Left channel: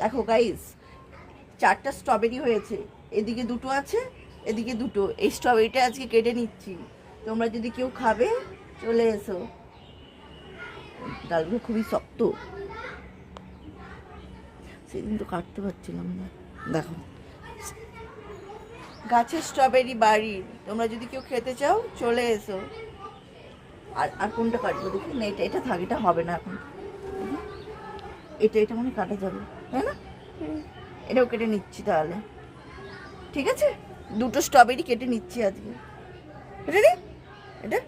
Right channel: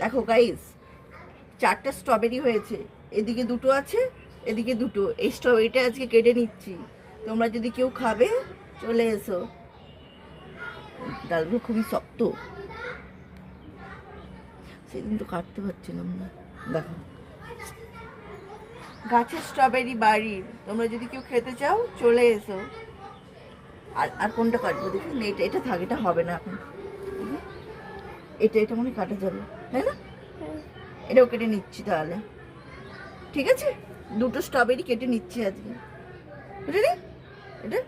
দেখো গাইস, 4টা স্ট্রবেরি হয়েছে, এদিকে 2টো আছে, এদিকে 2টো। এই স্ট্রবেরিটা আজকে কেটে নিচ্ছি, তোমরা যদি কেউ খাবে চলে এসো। ডালগুলো খুবই শক্ত, সেদিন তো কাটতে পারছিলাম না। দেখো, গাছের স্ট্রবেরি বাড়ির, তোমরা যদি কেউ খেতে চাও চলে এসো। আর আর কোনটা কাটবো দেখি না, এটা থাক, এটা হবে না এখন। এটা মনে কাটা যাবে, তাই না? এটাও কেটে নিচ্ছি তাহলে, ঠিক আছে? 2টো স্ট্রবেরি কেটে নিচ্ছি আজকে। এটা নে, এটা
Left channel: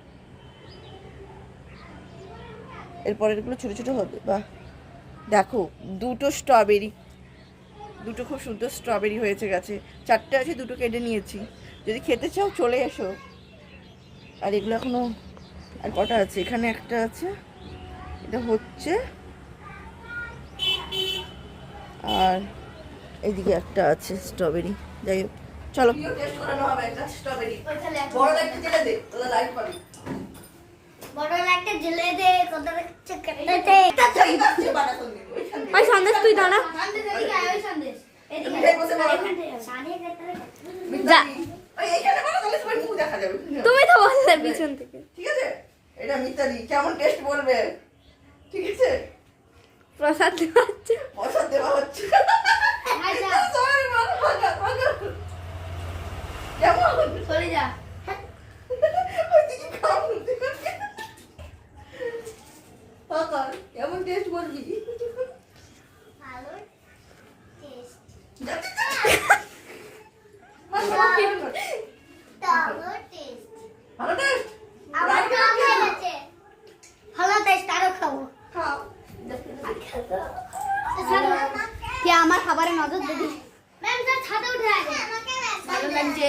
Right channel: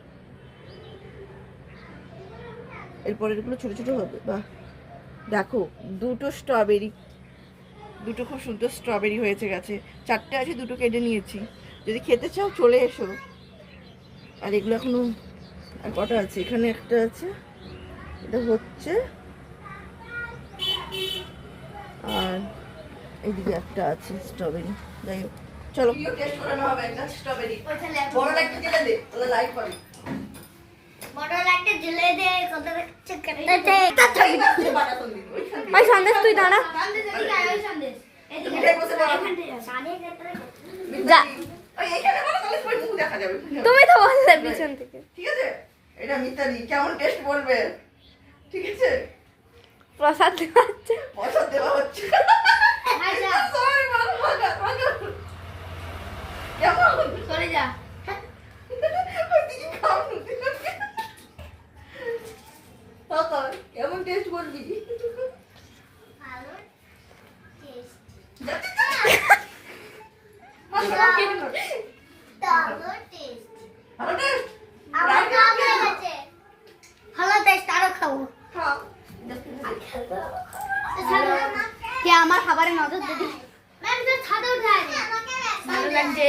এরপরের গুলো ছোট ছোট হবে। বাহ, দেখো 2টো স্ট্রবেরি, 2টো খুব সুন্দর স্ট্রবেরি হয়েছে গাছে। 4টে আছে, 2টো কেটে নিয়েছি। যদি খেতে চাও চলে এসো। আর এগুলো এখনো আর কটা আছে, এখানে একটা আছে, এটা হচ্ছে, আর এইদিকে একটা আছে স্ট্রবেরি। যাই হোক, চলো টেস্ট করানো হবে একটা স্ট্রবেরি। বড় একটা দিলে দে, ওটা লাইট পাবি। বড় লাইটটা জ্বলে দে, কত কেটেছে। ওই সন্দেশ তুই দাঁড়া। সন্দেশ এদিকে আয়, ওই সন্দেশ এদিকে বসে বল। যা, ওই এখানে বলো, তাহলে সবাই মুখ দেখা যাবে। তুমি তো বললে পিছন থেকে। ঠিক আছে, এটা মিতালি কেমন টেস্ট বলবে, ঠিক আছে? প্রসাদ দেওয়া হচ্ছে। প্রসাদ দেওয়া হচ্ছে। আচ্ছা সরি মানো, ভাগা কেমন চলে যা। কেমন টেস্ট বলবি? ভালো টেস্ট, ভালো টেস্ট, ভালো টেস্ট। আমার নাম হয়েছে ভালো টেস্ট। আরো খাবো। খাও। কে আমার খাবারে নজর দেবে? ম্যাম স্যার ছাদে উঠে আছে, ভালো লাগছে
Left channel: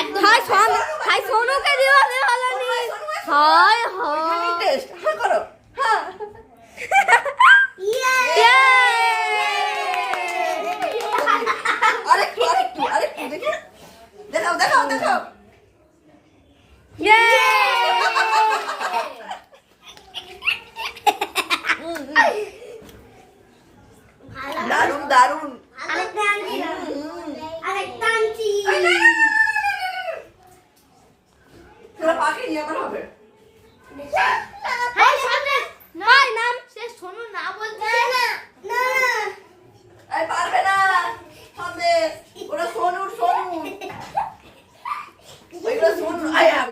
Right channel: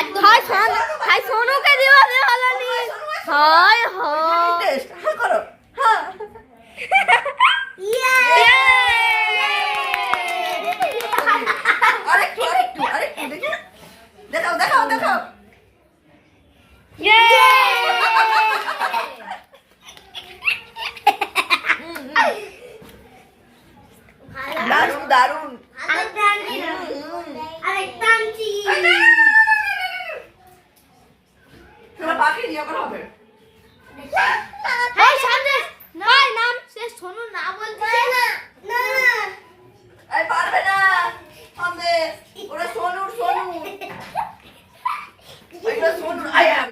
একদম। হাই সোনুকে দিবা দে ভালো নি। হাই হাই টেস্ট হ্যাঁ করো, হ্যাঁ। আরেকটু দেখি, দেখাও। দারুন। আরেকটা আনছি। তোমার পাখি নিয়ে করা হবে। হ্যাঁ সামনে নাম সে শোনো না বলতে না না এই পারবে না, সামনে ওরা সোনু। ওইগুলো সোনু।